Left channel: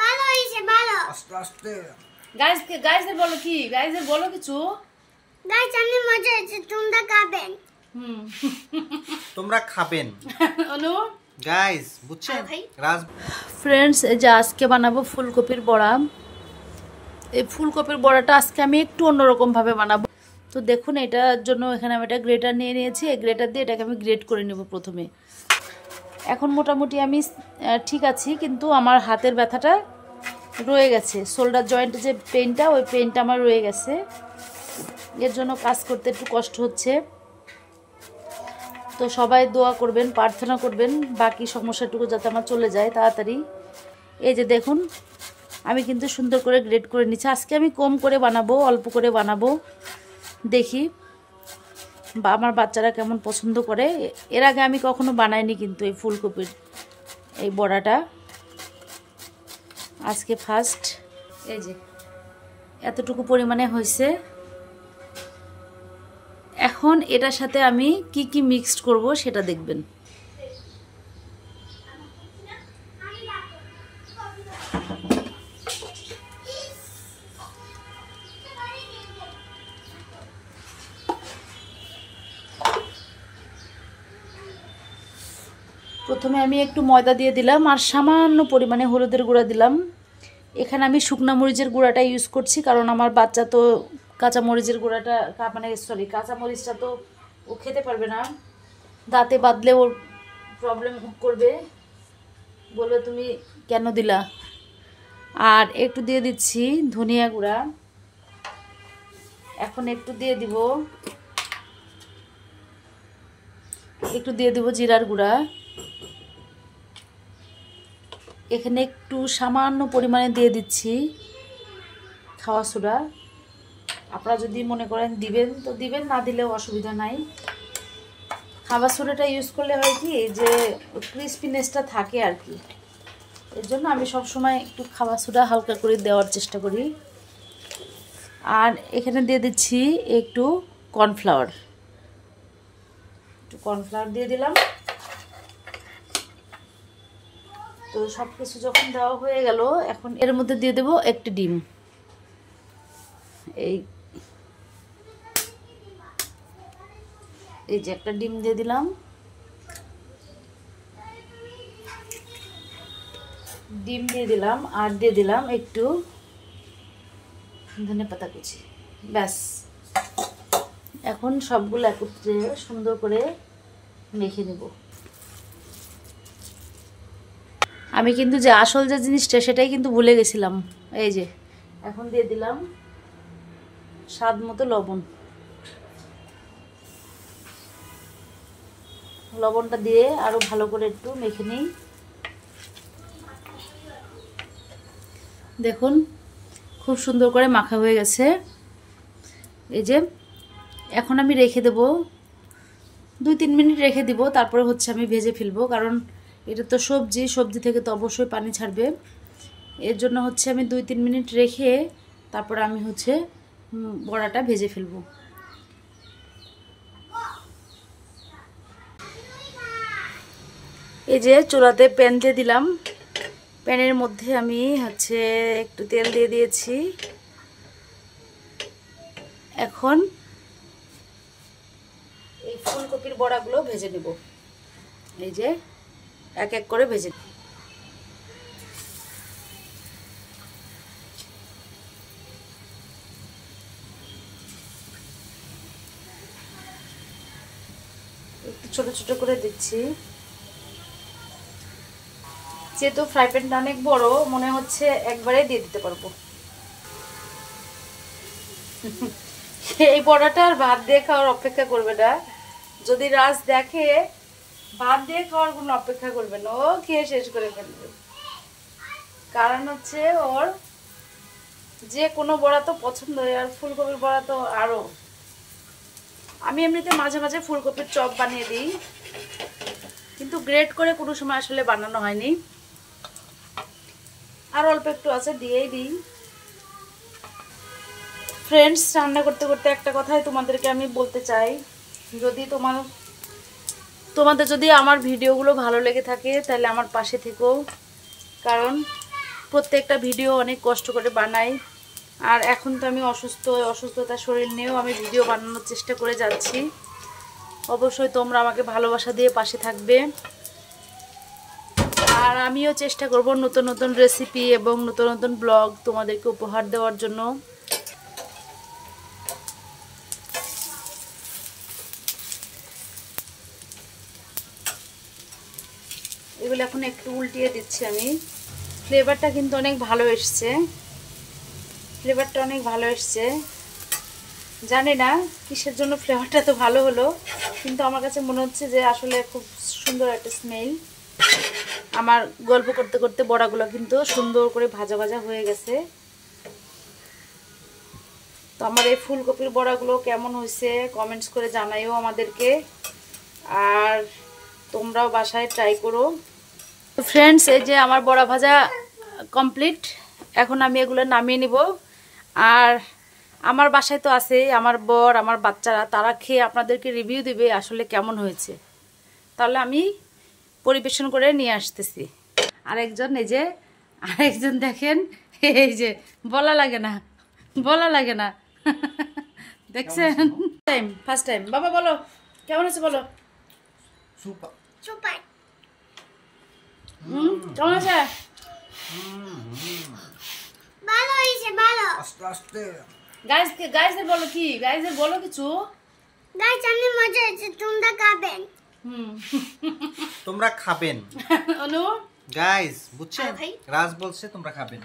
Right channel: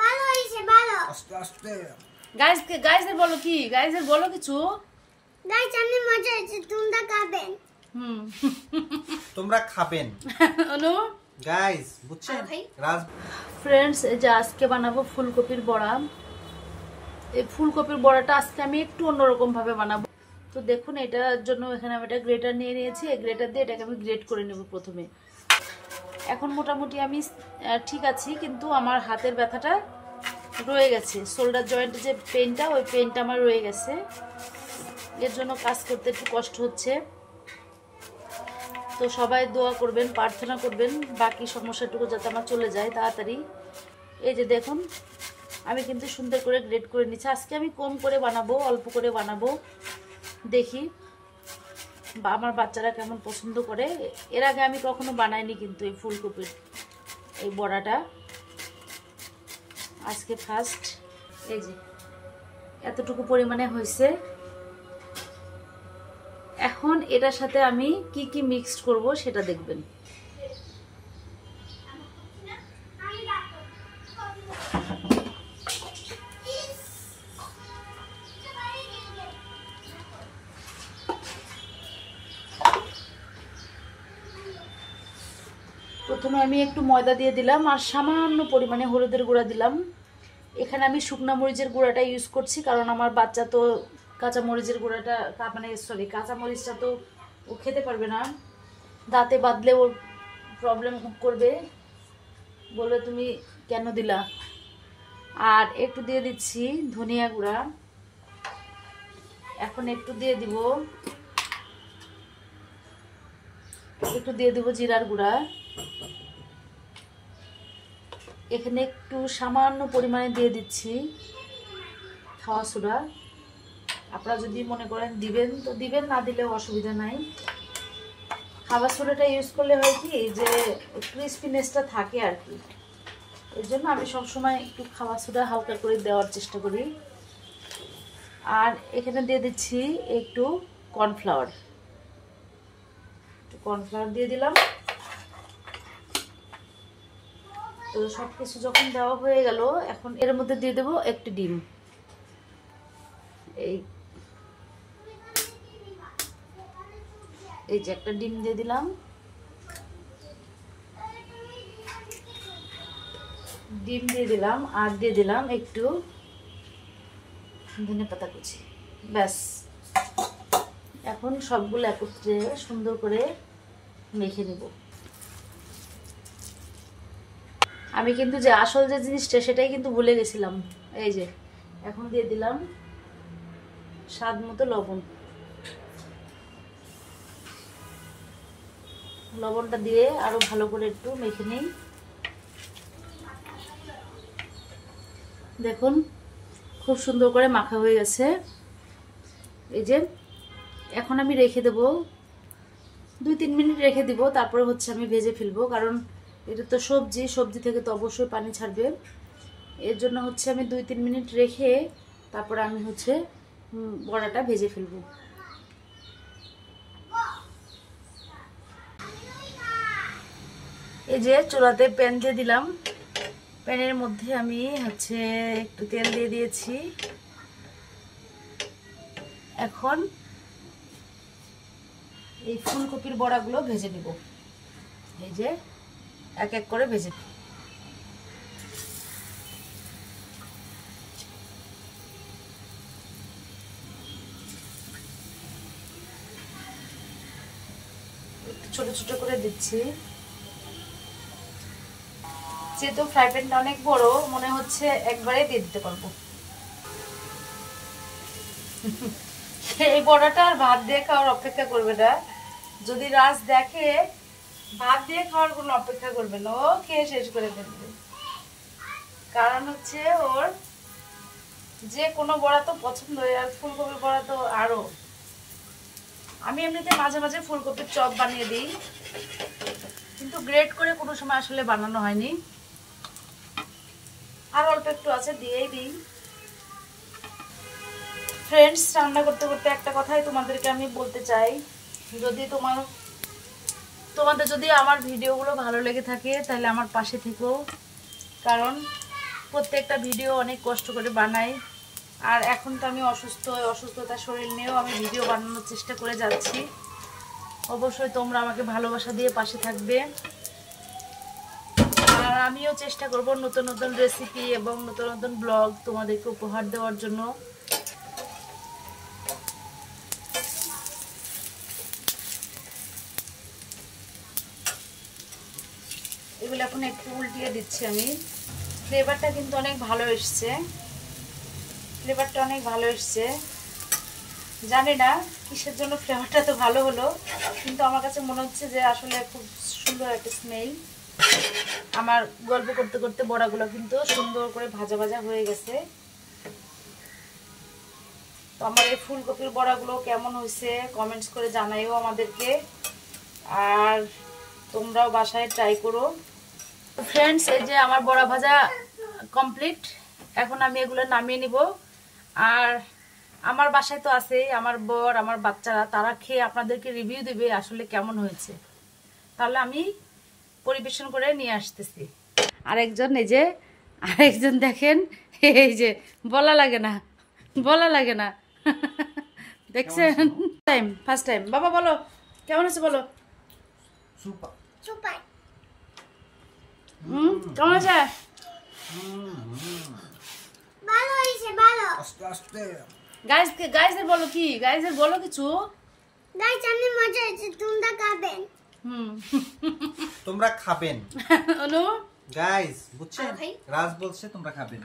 ভালো হইছে ভালো। আস্তে আস্তে। গাইসদের বলো কি? গাইসদের বলো কিছু। গাইস আমি মজা হইছে, তোমরা খাবেন। তোমরা খাবেন। অনু গাইস বুঝছেন? রাজ ফ্রেন্ডস, এই যে আজকে বানাবো ফুলকপির বড়া। এই ফুলকপির বড়াটা আজকে আমি একটু অন্যরকম ভাবে বানাবো। তো দেখুন, এটার জন্য এখানে আমি একটা গ্রেটার নিয়ে নিয়েছি। এই গ্রেটার দিয়ে এটাকে আমি গ্রেট করে নেব প্রথমে। এখন মোটামুটি আমি ঠিক আছি, কিন্তু আমার হাতের ব্যথাটা রয়ে গেছে। শোল্ডার জয়েন্টে যে পেইনটা, ওই পেইনটা আমার রয়ে গেছে। এর জন্য কাজ করতে একটু কষ্ট হচ্ছে। তো সবাই দোয়া করবেন, প্রার্থনা করবেন বাকি সমস্যাটুকু যাতে আমার চলে যায় তাড়াতাড়ি। এই যে দেখুন, আমি কিন্তু সুন্দর করে গ্রেট করে নিচ্ছি। আজকে আমি কম করে বানাবো, অল্প করে বানাবো, দেখি বা আমার বাচ্চারা কেমন পছন্দ করে। এর আগে আমি কখনো বানাইনি কিন্তু এই ফুলকপির এই বড়াটা, আজকে ফার্স্ট। এই যে এতটুকু পরিমাণে হয়েছে। এখন এটার সাথে আমি কি কি মিক্সড করব সেটা দেখবেন। প্রথমে আমি একটু ময়দা দিয়ে দিলাম আর সামান্য পরিমাণে হলুদের গুঁড়া দিলাম। এখানে আমি শুকনা মরিচের গুঁড়াটা ইউজ করছি, কারণ আমার বাচ্চা তো কাঁচা মরিচের গুঁড়াটা কাঁচা মরিচটা তো ও খেতে পারবে না, দাঁতে বাঁধলে ওর প্রবলেম করবে, বলবে তুমি কেন দিলা। আর একটু দিয়ে দিচ্ছি ধনিয়া গুঁড়া। এখন একটু দিয়ে দিব জিরার গুঁড়া। এখানে একটু সামান্য পরিমাণে দিয়ে দিচ্ছি খাওয়া সোডা। আপনারা যদি মনে করেন দিবেন তো দিবেন, না দিলেও অসুবিধা নাই। খাওয়া সোডাটা ইউজ করলে হয় কি যে ক্রিস্পিনেসটা থাকে আর কি, এর জন্য আমি সবসময় একটু খাওয়া সোডা হালকা করে দেওয়ার চেষ্টা করি। আর এখানে দিয়ে দিচ্ছি একটু কর্নফ্লাওয়ার। দিয়ে দিলাম। তো সব কিছু যখন দেওয়া হয়ে গেল, এখন এর মধ্যে দিয়ে দেবো একটি ডিম। এই যে একটা ডিম দিয়ে দিলাম। আর দিয়ে দিলাম একটু ধনেপাতা কুচি। ব্যাস, এখন সবগুলো একত্রে সুন্দর করে মেখে নেব। আমি কিন্তু যে আসল যে জিনিসটা সেটাই কিন্তু ভুলে গেছিলাম। এই যে এখন দিয়ে দিলাম স্বাদ মতো লবণ। লবণটা দিয়ে আরো ভালো করে একটু মেখে নিই। দেখুন খুব সুন্দর করে মাখা হয়ে গেছে। এই যে এখন আমি রেখে দেব, 2-3 মিনিট রেখে দিব। তারপরে হচ্ছে আমি ভেজে ফেলবো, কারণ এটা তো সবজি থেকে তো অবশ্যই পানি ছাড়বে। এর জন্য হচ্ছে আমি 2-3 মিনিট রেখে তারপরে আমি হচ্ছে বড়াটা ভেজে ফেলবো। এই যে চুলাতে প্যান দিয়ে দিলাম। প্যানের মধ্যে আমি হচ্ছে একটু তেল দিয়ে দিয়েছি। এখন এই ফুলকপির বড়াগুলো ভেজে নেব। এই যে এক এক করে ভেজে নেব। একটু ছোট ছোট করে দিচ্ছি। যেহেতু ফ্রাই প্যানটা অনেক বড়, মনে হচ্ছে একবারে দিয়ে দিতে পারবো। এই বড়াটা আর ভাত দিয়ে খাওয়ার অপেক্ষা করবে না। যদি রাজ দেখে, ভাত দিয়ে খাওয়ার কোনো অপেক্ষা করবে না, ও খেয়ে শেষ করে ফেলবে। কারণ হচ্ছে ওর যে কোনো বড়া তো পছন্দ, আর ফুলকপির বড়া তো আরো। আমি এমনিতে মাঝে মাঝে ফুলকপির চপ বানিয়ে দিই, কিন্তু গ্রেট করে কোনো সময় আসলে বানানো হয়নি। আর অল্প একটু আছে, দিয়েই দিই। ফ্রেন্ডস, রান্না করতে করতে একটা কথাই তোমাদেরকে আমি বলতে চাই, যদি তোমাদের যদি আমার ভিডিওগুলো ভালো লেগে থাকে তাহলে আমার পাশে থেকো, কারণ প্রত্যেকটা ভিডিও অনেক কষ্ট করে বানাই। আর এখন তো আমি অসুস্থতা শরীর নিয়েও আমি ভিডিও বানানোর চেষ্টা করে যাচ্ছি। অবশ্যই তোমরা আমাকে ভালোবাসা দিয়ে পাশে থাকবে। আর আমিও চেষ্টা করব নতুন নতুন রেসিপি এবং নতুন নতুন ব্লগ তোমাদেরকে উপহার দেওয়ার জন্য। এগুলো এখন একটু উল্টিয়ে দিচ্ছি আমি। ফ্লেভারটা কিন্তু অনেক ভালো এসছে, জানি না কিসের জন্য ফ্লেভারটা তো ভালো হলো, কিন্তু আমার কাছে মনে হচ্ছে যে আসলে খুব সুন্দর একটা স্মেল। আমার গল্প করতে করতে বড়াগুলো কিন্তু সুন্দর করে ভাজা ভাজা হয়ে গেছে। তো আমার এই ফুলকপির বড়াগুলো কেমন হয়েছে কমেন্টস করে জানাইও আমাদেরকে। আর তোমরাও বাসায় ট্রাই করো। ফ্রেন্ডস, এই যে আমার বড়া ভাজা কমপ্লিট। এখন আমি এগুলো নামিয়ে নিব। আর আমার বাসায় তো আছে আমার বর, আমার বাচ্চারা, তারা খেয়ে আপনাদেরকে রিভিউ দিবে আসলে কেমন হয়েছে। তাহলে আমি পরিবেশন করে নিয়ে আসতেছি। আরেকজন দেখেন, এই যে বলা লাগে না দেখছেন? First time. বাবা বলো কেমন আছে, বলো। সুপার। সুপার। কেমন আছে? ভালো হইছে, ভালো। আস্তে আস্তে। গাইজদের বলো কি, গাইজদের বলো কিছু। গাইস অনেক মজা হয়েছে, তোমরা খাবেন। তোমরা খাবেন। অনু গাইস বুঝছেন, রাজ বলছে তোমরা খাবেন।